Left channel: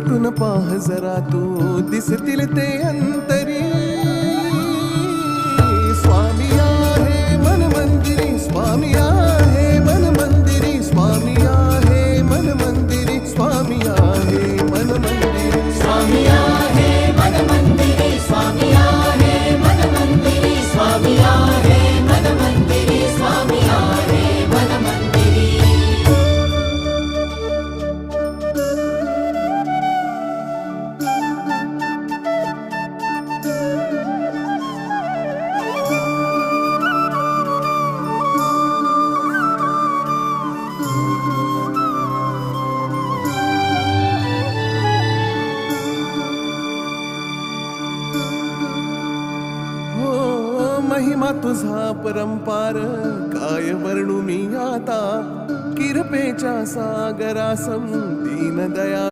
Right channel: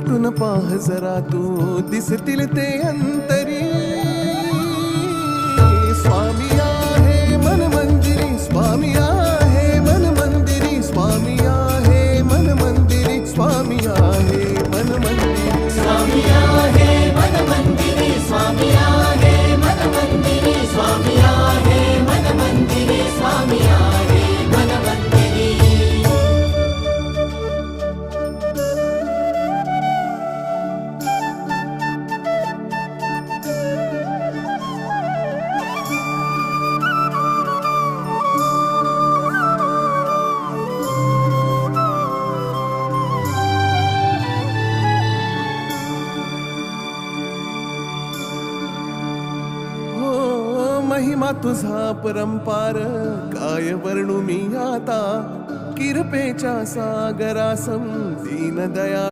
भेटून पाह जरा तू दिसतील ते अंतरी. स्वामी आहे मन मंदिरी, स्वामी आहे मन मंदिरी, स्वामी आहे मन मंदिरी, स्वामी आहे मन मंदिरी. स्वामी आहे मन मंदिरी, स्वामी आहे मन मंदिरी, स्वामी आहे मन मंदिरी, स्वामी आहे मन मंदिरी. महिमा तुझा परंपार काय वर्णू मी आता. किरपेच्या सागरासम दीन दया